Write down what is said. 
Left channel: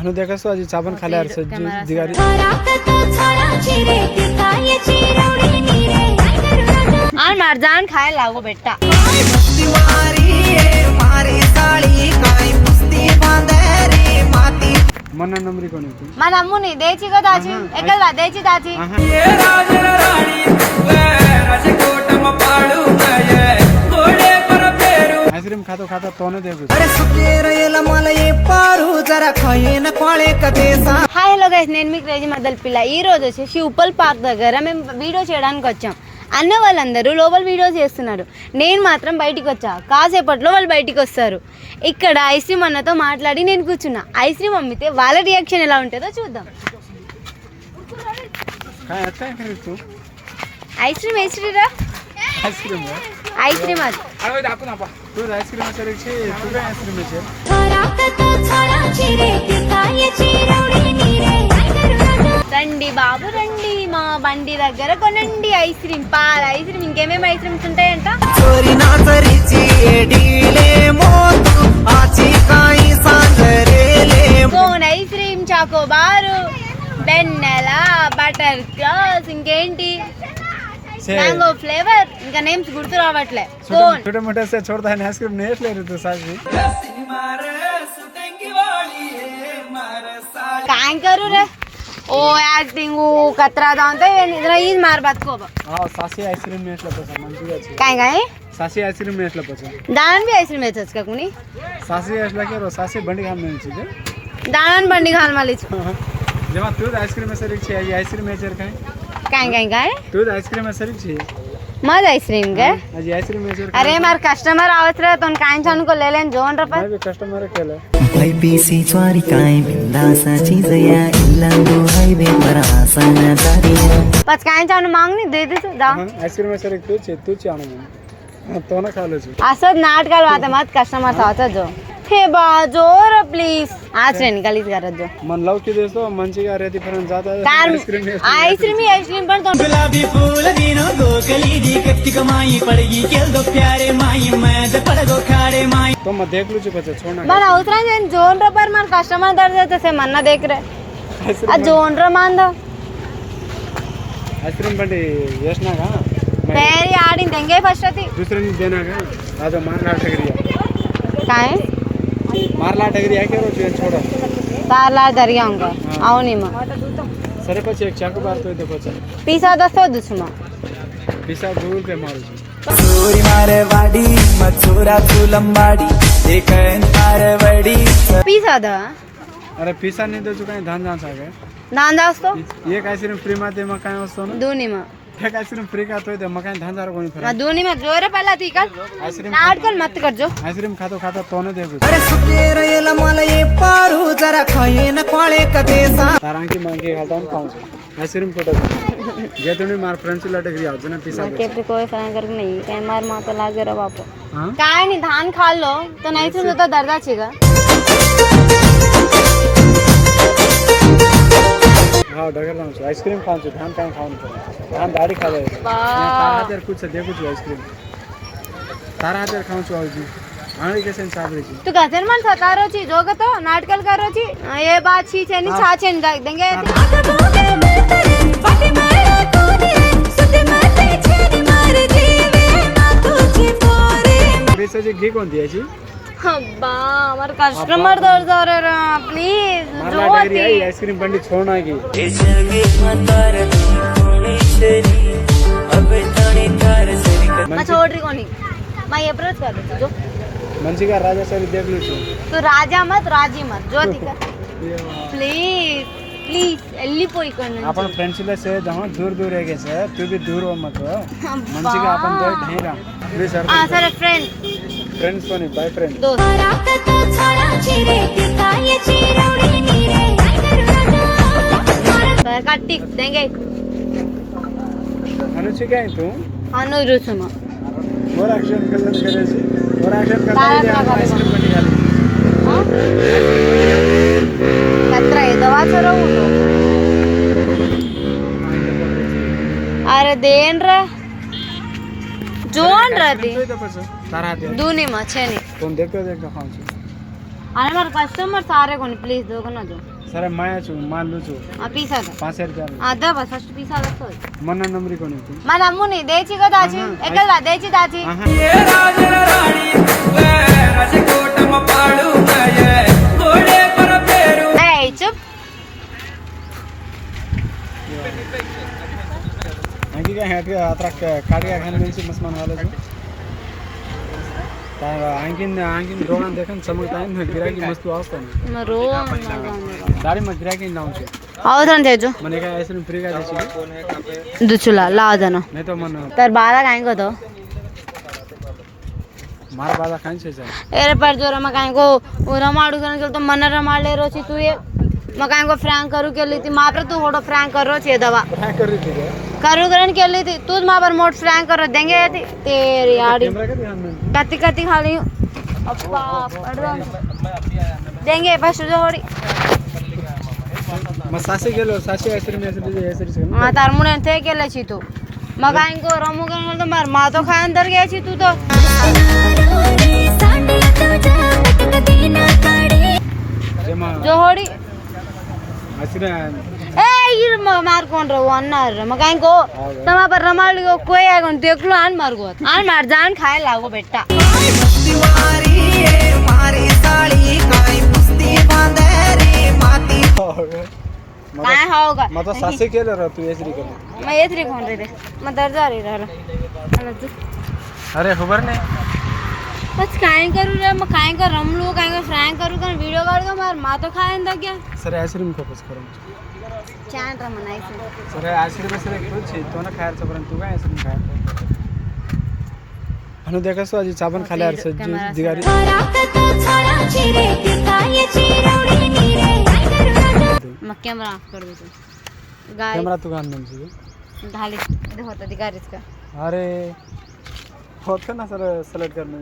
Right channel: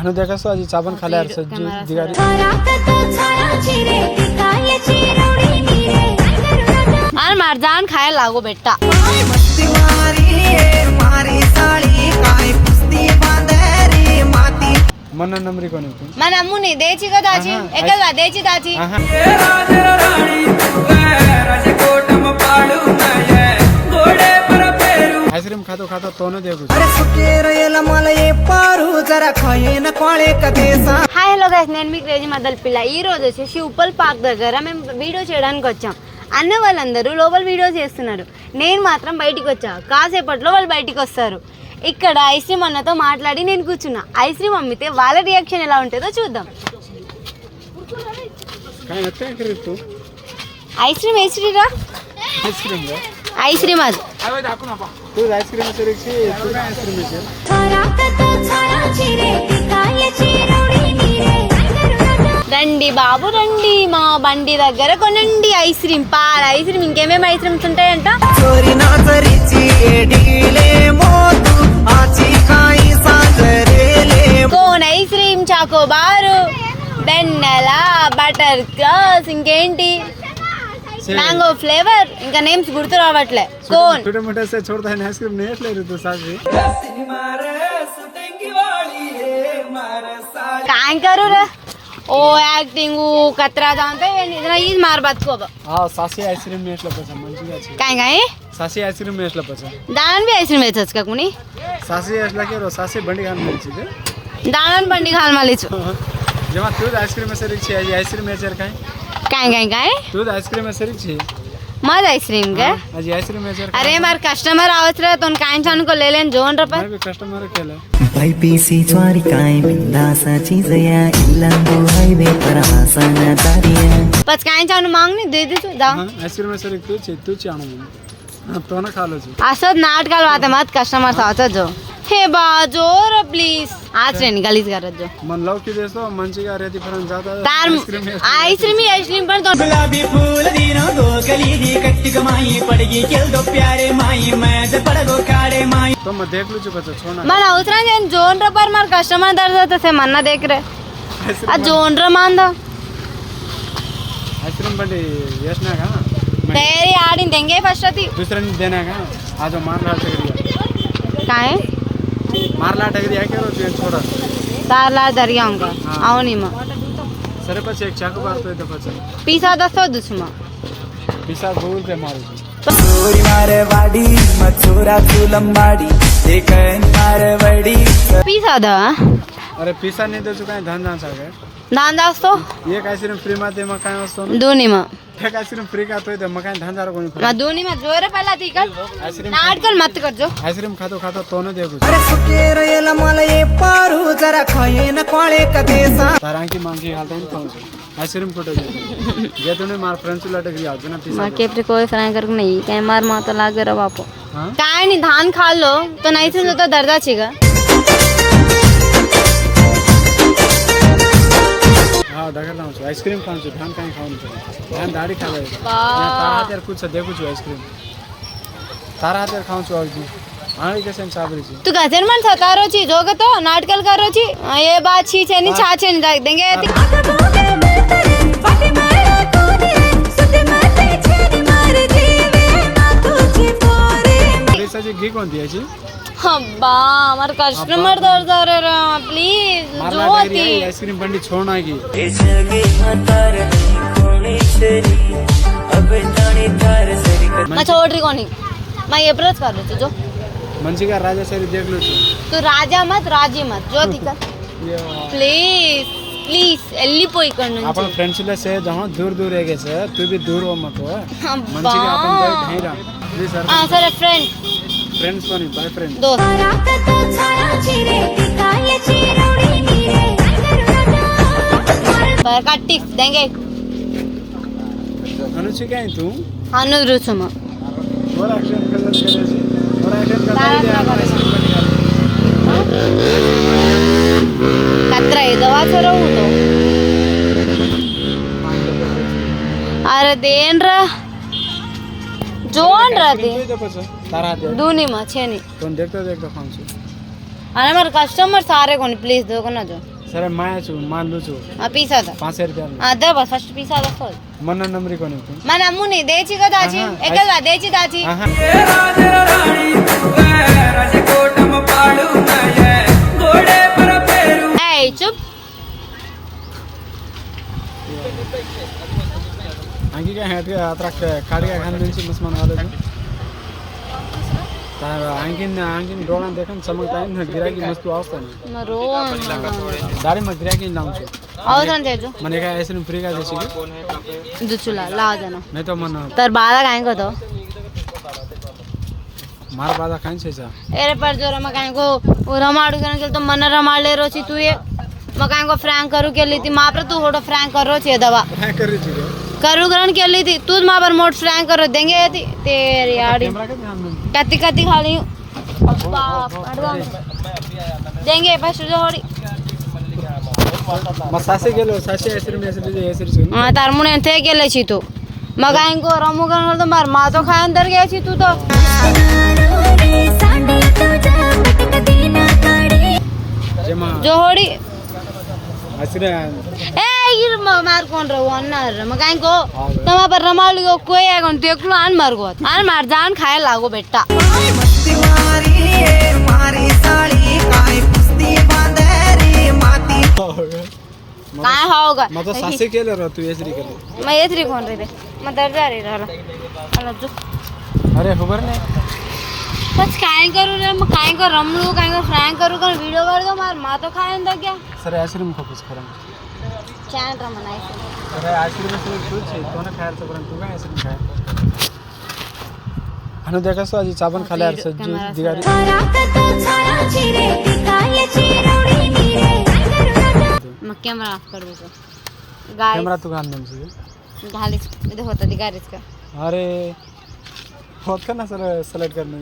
आणि देखा आजी चाबन खाल्यार सज्जी दिगारी आणि मार जान खायला लागो बेटा मन नंबरी कोणी మన అమ్ముని దేచి కదా దాచి ఎక్కడ దేచి దాచి ये राजर राणी तू राजकोटम पाडू नये घोडे पर पेरू आईस्क्रीम खातो खातो तो न देखू अरे सुकेरयला मला ये पारू जरा खयेन कोळे कदेसा హాయ్ హలో గైస్ నేను మీకు రోజు మదల్ పిల్ల ఈ రోజు వచ్చేసి ఉప్పల్ పార్క్ దగ్గర మేము వీడియో చేయడానికి వచ్చాం అన్న వాళ్ళందరూ లోపల వీడియో చేస్తున్నారు నేను మాత్రం బయటికి వచ్చా కాసేపట్లో వాళ్ళు బయటికి వస్తారు ఇక్కడ ఐస్ క్రీమ్ అన్నతో మాట్లాడి నేను కూర్చున్నా ఐస్ క్రీమ్ అమ్మితే వాళ్ళ రియాక్షన్ ఎలా ఉంటుందో చూద్దాం ఐస్ క్రీమ్ వేసిరా आईस्क्रीम ఐస్ క్రీమ్ అది तू आईस्क्रीम सरीची तू काय आईस्क्रीम आहे రండి బాబు రండి మా బండి దగ్గర కొనండి ఐస్ క్రీమ్ పాల ఐస్ క్రీమ్ ఇంకేమేమి ఐస్ క్రీమ్స్ ఉంటాయంట चोरी नाचरीची एडीले मोतू आची काही सांजरेले కోన్ ఐస్ క్రీమ్ చాకోబారు వెన్నెల బటర్ స్కాచ్ ఇంకేంటి మ్యాంగో ఫ్లేవర్ ఇంకా నేమ్స్ గుర్తు రావట్లే కోన్ छोटे मोठे से छोड़ता है आईस्क्रीम नहीं ले रही तू साजी मारे सुटेंगी वाली है मारे साड़ी काय करू रे ओ ऍक्टिंग कचरा जाणते इधर हीच मार बतको हां सासी आईस्क्रीम ने असला पसा मंजी आहे काय काय सासी आईस्क्रीम ने असला पसा दाणन बी आईस्क्रीम वेचच का कुणी सासी असला के रो सासी बंडी खान मिळची ते दाणन बंडी घाल मलीच जेव्हा तू आईस्क्रीम सरीची आहे आईस्क्रीम मेचर काय काय काय काय तू आईस्क्रीम सरीची मज आईस्क्रीम का माझी आईस्क्रीम मेचर अरे मार कस्टमर आवत रे तो काय को ले लेन जोन रे मैं भी कस्टमर केलं వైపీసీ చ్వారి కాయ బిందాసాచి జయా ఇల్లందు హైవే पर आसन तारिया पच काय चान मांग नहीं दे दे तू दा आईस्क्रीम सरी तूच आणून तो ना खालोची असद नाटकाल वाते मत कस्टमर सावत जो हे बा जोर प्लीज आज रे निकालीच करत जो मन लवकी देतो मंचिगा रेती पर्यंत जाता आईस्क्रीम पण तो गुलाबी फूल दीनो दो गली दी कट्टी कमाई पड़गी केल दो प्यारे माई मैं जब पड़गो कारे माई तो मैं देख लू चुका छोड़ना मन उतरा जन जोन रे पर मार कस्टमर दर्द तसे मन्ना देख रे आ जोन रे मान दो आईस्क्रीम बंडी यशना का तयारी आडी देंगे फर्स्ट ती दुसऱ्याने देना का आज मारला टगरी काय मारला टगरी आहे के रो ट्रेन छोड़ा ताला दर्याऊंगा आवनी म सरे पछि एक चाकू मारतोय ते पछि पिसा दसो दुसमा पिसा गोल पे मारू चोरी मारे वाडी मचोरा तू लंबाडी देखन मारे वडी पिसा द अरे पिसा नाही देतो काय धान धान सागर दांदा असतो एक आईस्क्रीम फ्री मा ते मग काय असतो ना दोन्ही म एक आईस्क्रीम फ्री खातोय ते मग काय धान दार कोणी ना दोन्ही में जोर पहला थी कर आईस्क्रीम नाटकल मत कर जो आईस्क्रीम खातो खातो तो न देगू अरे सुकेरयला मला ये पारू जरा खयेन कोळे कदेसा तारांकी मांगी घालता ना पाऊस आईस्क्रीम कुठं जे तुम्ही मार फ्रेंड्स ला टगरी आवतो ना पिसा बाकी अपने कोई फ्राई कर नहीं काय मार माता लागे रे बापो हां काय नहीं धान खा लो तो नहीं से तो दर्दाची ग हां डगर लावून आईस्क्रीम खाऊन धान काय खाऊन धान दाढी खालाय बा तारा हातेर कुछ देखू छु आईस्क्रीम तारा हातेर खाऊन छु आज आणी कसे चाबरीची तू गजर मन सतारो छी जोग तो नाटकल करो छी ये बात छी छेनी छा छेनी देंगे जी घी कोणती याची अब्बा हमार कस्टमर दर रे प्लीज जो होती आईस्क्रीम बंडी छोड़ना की मैं छोड़ रही कोनी मैं ये ब्रश कर दूँ जो मंचिगा राजा सरी देख लो तू राजा मत राजी मत जो दिखा प्लीज प्लीज వెళ్ళిపోయి ఇక్కడ నుంచి आपण फ्रेंड्स ला से जहां दूर दूर रह गए से तू भी दूर हो मत हो मंचिगा अपन तो ढेरा भी सर हां सर फ्रेंड फ्रेंड्स तो नहीं बाय फ्रेंड दोस्त पर का टिप्स देंगे अनुचिका है तू अनुरुसमा और एक्शन करे से और एक्शन तारा करे कतरा है दवा से रहू अरे देन रे जोन रहते तारा हाते दोन्ही मा छेनी कोण देखतो देखतो खाऊन अरे हमारे कस्टमर सारे कोनी प्लीज दो ना जो सर माया छु मान लु छु पीसा दो 5 रुपया दा बस फर्स्ट पीसा दो मन नंबरी कोणी మన అమ్ముని దేచి కదా దాచి ఎక్కడా దేచి దాచి ये राजर राणी तू राजकोटम पाळू मय घोडे पर फेरू ఏయ్ चुप आणखी काय हॅट आता काढ्या खान दिवशी मस्त म्हणालो आणखीन डोळ्यात देखील चमकता गिराकी मस्त असतं ना रो गाडी मग गिराकी लावून అవసరం తెచ్చు మన ऐसे फ्री का देसी దుచ్చులా లాదన नहीं तो मन तर బాధ కాయం కదో मार बाजा खान से एरे पर जो रमा काहे को रमाडू करने के तो मन रमाड ले रोची तू ये मकान को फ्रैंक करू के ली थी माँ पर तू होटो फ्रैंक कर रो छे दवा क्या कर रही थी करू करने के ली थी तू माँ पर मोट फ्रैंक कर देंगे थी तेरी यारी कत्ती कत्ती खा ली अब्बा देंगे फर्स्ट जो होड़ी मग सासे गेलो सासे ऐसे में ऐसे तार मुने थे गेले छी तू मकान को रमू करने तो मार माँ तो खाए अंदर गया छी तू तो जो होड़ी ए मार कौन रहो अन्नार मकान को तमा पर रमाल को कोई आगन देखलो आन मार गो आन मार जान खाए लागो बेटा काय होगा मग तो सासे केलं रे तू ऐसे केलं मैं ये थ्री कौन रे मैं दर्द आ रही रहा अरे खबर नहीं कुछ खाए करू रे मैं खाए कर रम लू खाए कर फ्रैंक करू कर वीडियो कर दो मार माँ तो खाए अंदर क्या सर आइसक्रीम फोकस करा चैन रमनाई से सर आइसक्रीम से खूप छे तो ना खायचं पण तू काय आइसक्रीम खाय अनु देखा सो आजी चाबन खाल्यार सज्जू दिगारी मग कॅमेरा ऑफ कर दो गाय कॅमेरा तू घाल नमसे घाली इधर होता दिगारीच का अरे होत ना सर सिलेक्ट करणे